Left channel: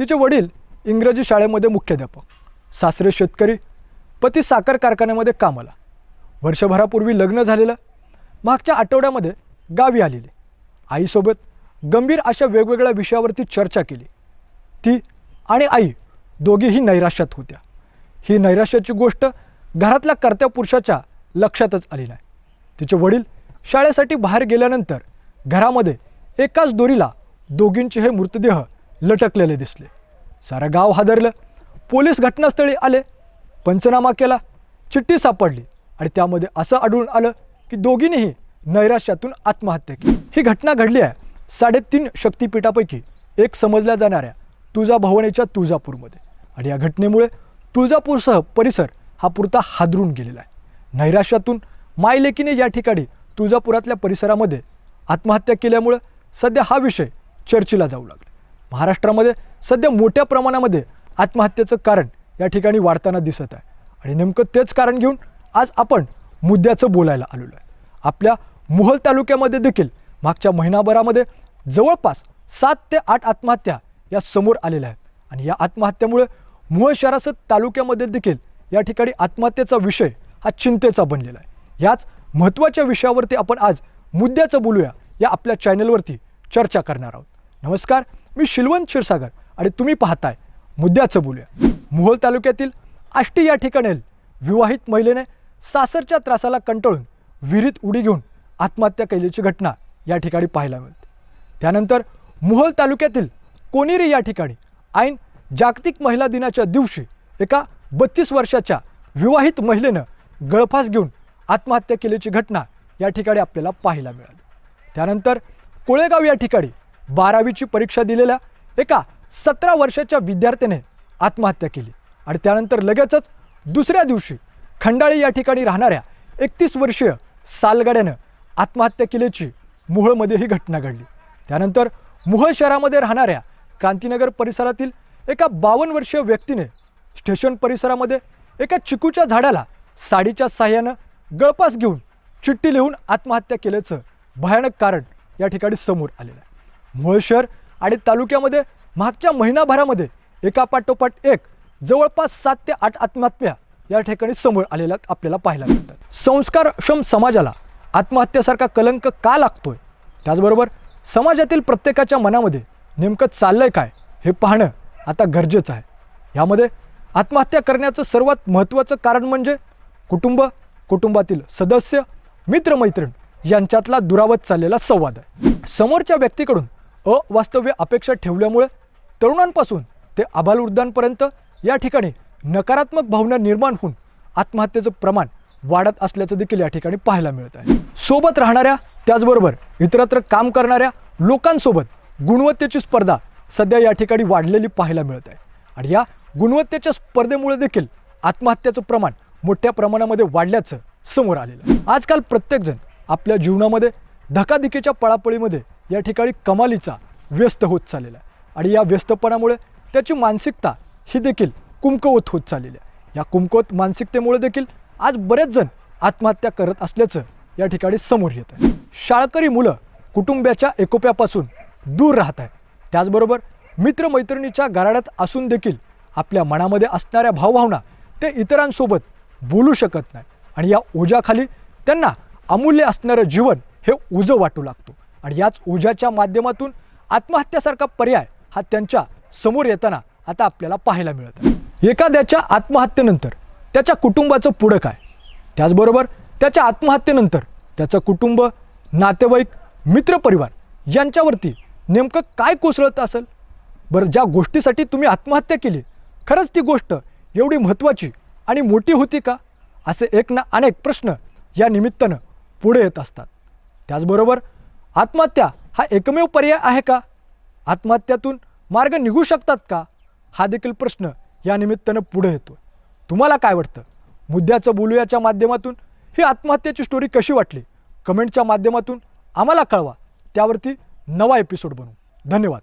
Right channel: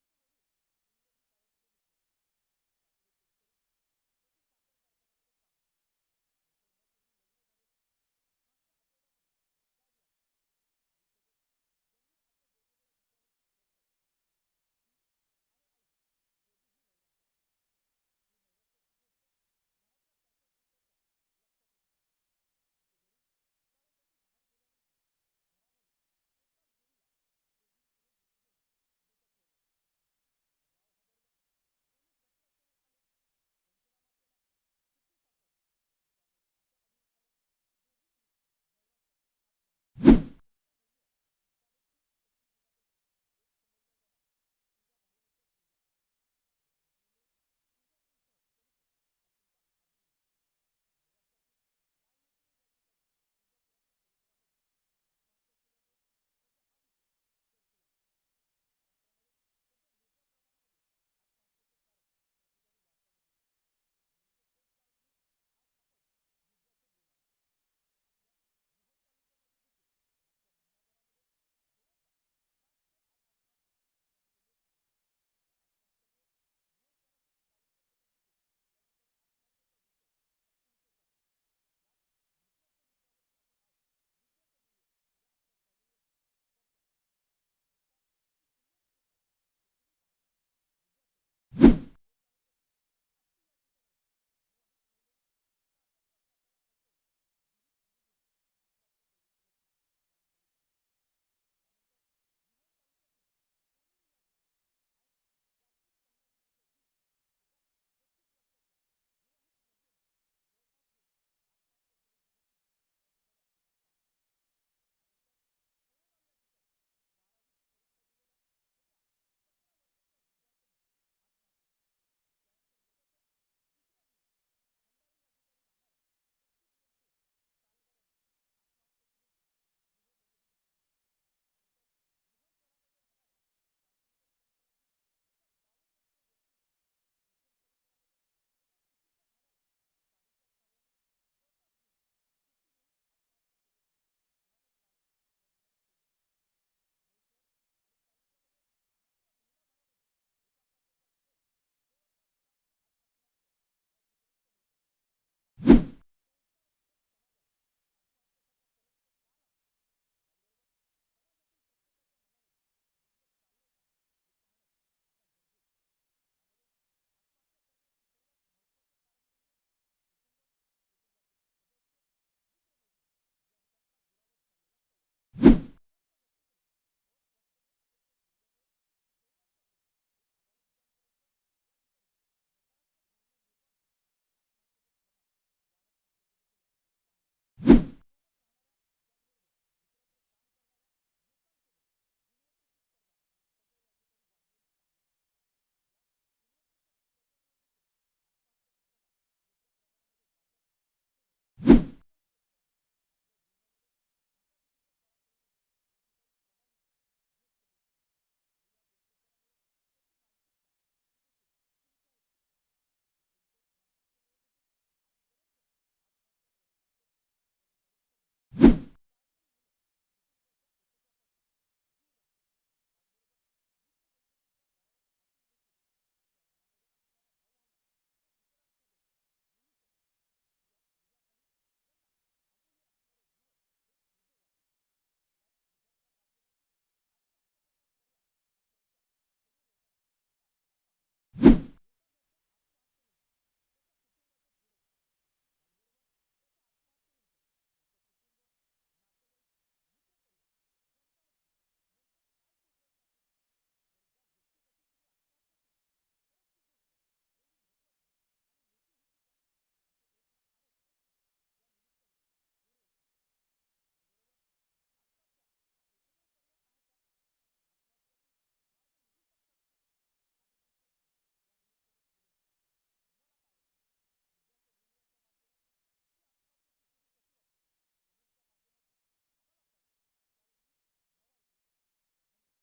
तिचे वडील इंग्रजी शाळेमध्ये मुख्याध्यापक सासरे शेतकरी पती साखर कारखान्यामध्ये कामाला. वर्षभरापूर्वी लग्न झालेलं मागच्या आठवड्यामध्ये गावी आलेली. आईसोबत गंभीर अशा वेगवेगळ्या विषयावरती चर्चा केली. ती आणि आई दोघीही नैराश्यात होत्या. ही नैराश्याची गोष्ट घरातल्या कर्त्या पुरुषाच्या लक्षातच आली नाही. तिचे वडील शाळेसाठी बाहेर गेल्यानंतर घरामध्ये एकाच दोरीला दोघींचे हे मृतदेह लटकलेले दिसले. सारं गाव हादरलं. पोलीस घटनास्थळी आले. पंचनामा केला. चिठ्ठी सापडली. आणि त्यामध्ये असं आढळून आलं की दोघींनीही नैराश्यातून आत्महत्या केली. ही घटना घडली आहे साडेतीन शक्तिपीठापैकी एक समजल्या जाणाऱ्या तुळजाभवानीच्या तुळजापूरमध्ये. आणि या घटनेमुळे तुळजापूरसह परिसर हा पुरता हादरून गेलेला आहे. नैराश्यातून मायलेकीने या ठिकाणी तुळजापुरातल्या परिसरामध्ये आत्महत्या केल्यामुळं सध्या हा विषय चर्चेला जाऊ लागला. महाराष्ट्रामध्ये सध्या मोठ्या प्रमाणामध्ये आत्महत्येचं कारण या ठिकाणी वाढताना दिसत आहे. आणि नेमकं तेच कारण घेऊन आज आपण मुद्द्याचं बोलायला आलेलो आहे. आपल्या मोहल तालुक्यामध्ये देखील मागच्या महिनाभरामध्ये जवळपास सात ते आठ आत्महत्या या समोर आलेल्या आहेत. आणि या आत्महत्येमुळे मोहोळ शहरासह तालुक्यामध्ये देखील या ठिकाणी आत्महत्येचा विषय हा चिंतेचा बनलेला आहे. याच महत्त्वाच्या विषयावरती आपण आज मुद्द्याचं बोलूया या आपल्या चॅनलवरती चर्चा करणार आहोत. नमस्कार. मी शिलवंत क्षीरसागर आणि तुम्ही पाहताय. मुद्द्याचं बोलूया. मोहोळ तालुक्यातील आष्टी या ठिकाणी विवाहित महिलेने सासरच्या त्रासाला कंटाळून विहिरीत उडी घेऊन आत्महत्या केल्याची घटना या ठिकाणी पाहायला मिळते. त्यानंतर मोहोळ तालुक्यातील कोनेरी या ठिकाणी ऐन जागतिक महिला दिनाच्या दिवशी एका बत्तीस वर्षाच्या विवाहित महिलेनं गळफास घेऊन आत्महत्या केल्याची घटना या ठिकाणी आपल्याला पाहायला मिळाली. त्यानंतर कोळेगाव या ठिकाणी बारावीची परीक्षा दिलेल्या एका सतरा वर्षाच्या विद्यार्थ्याने आत्महत्या केली. आणि त्यानंतर लगेचच दुसऱ्या दिवशी खंडाळी या ठिकाणी राहणाऱ्या एकतीस वर्षीय सालगाड्यानं आत्महत्या केल्याची मुहळमध्ये ही घटना घडली. त्यानंतर मुहळ शहरामध्ये राहणाऱ्या क्रांतीनगर परिसरातील एका बावन्न वर्षीय व्यक्तीने स्टेशन परिसरामध्ये एका चिकूच्या झाडाला साडीच्या साह्यानं गळपास घेऊन चिठ्ठी लिहून आत्महत्या केल्याचं भयानक कारण या ठिकाणी समोर आलेलं आहे. शहर आणि तालुक्यामध्ये मागच्या महिनाभरामध्ये एका पाठोपाठ एक जवळपास सात ते आठ आत्महत्या या ठिकाणी समोर आलेल्या आपल्याला पाहायला मिळतात. संस्कारक्षम समाजाला आत्महत्येसारखा कलंक का लागतोय? त्याचबरोबर समाजातील प्रत्येकाच्या मनामध्ये नेमकं चाललंय काय हे पाहणं आता गरजेचं आहे. यामध्ये आत्महत्या करण्याचं सर्वात महत्त्वाचं कारण म्हणजे कुटुंब कुटुंबातील सदस्य मित्रमैत्रीण यांच्यातला दुरावत चाललेला संवाद आहे. समोरच्या व्यक्तीकडून अवास्तव्य अपेक्षा ठेवल्यामुळे तरुणांपासून ते आबालवृद्धांपर्यंत या ठिकाणी नकारात्मक भावना निर्माण होऊन आत्महत्येचं प्रमाण वाढत असल्याचं देखील या ठिकाणी पाहायला मिळत आहे सोबत राहणाऱ्या त्याचबरोबर इतरत्र काम करणाऱ्या लोकांसोबत गुणवत्तेची स्पर्धा सध्या या ठिकाणी वाढलेली पाहायला मिळत आहे आणि या गुणवत्तेच्या स्पर्धेमुळे देखील आत्महत्याचं प्रमाण मोठ्या प्रमाणामध्ये वाढल्याचं समोर आलेलं आहे. आजकाल प्रत्येकजण आपल्या जीवनामध्ये धकाधकीच्या पळापळीमध्ये या ठिकाणी कमालीचा व्यस्त होत चाललेला आहे. आणि या व्यस्तपणामुळे त्याची मानसिकता ही देखील कुमकवत होत चाललेली आहे. या कुमकवत मानसिकतेमुळे देखील आज बरेच जण आत्महत्या करत असल्याचं या ठिकाणी समोर येत आहे. शाळकरी मुलं कुटुंबाच्या एकोप्यापासून दूर राहत आहे त्याचबरोबर मित्रमैत्रिणीच्या गाराड्यात असून देखील आपल्या मनामध्ये असणाऱ्या भावभावना ते इतरांसोबत बोलू शकत नाही आणि या ओझ्याखाली त्यांना अमूल्य असणारं जीवन हे उजं वाटू लागतो. आणि याच ओझ्याच्या माध्यमातून आत्महत्यासारखा पर्याय हा त्यांच्यासमोर येताना आता आपल्याला पाहायला मिळत एखाद्याच्या आत्महत्येनंतर त्याच्या कुटुंबाचं पुढं काय? त्याचबरोबर त्याच्या आत्महत्येनंतर त्याचं कुटुंब नातेवाईक मित्रपरिवार यांच्यावरती नेमकं काय कोसळत असेल? बरं ज्या गोष्टीसाठी तुम्ही आत्महत्या केली खरंच ती गोष्ट एवढी महत्त्वाची आणि मोठी होती का? असे एक ना अनेक प्रश्न या निमित्तानं पुढे येत असतात. त्याचबरोबर आत्महत्या हा एकमेव पर्याय आहे का? आत्महत्यातून मार्ग निघू शकतात का? हा देखील प्रश्न या निमित्तानं पुढे येतो तुम्हाला काय वाटतं? मुद्द्याचं बोलूयाच्या माध्यमातून ही आत्महत्येची स्टोरी कशी वाटली? कमेंटच्या माध्यमातून आम्हाला कळवा. त्यावरती नवा एपिसोड बनवू. धन्यवाद.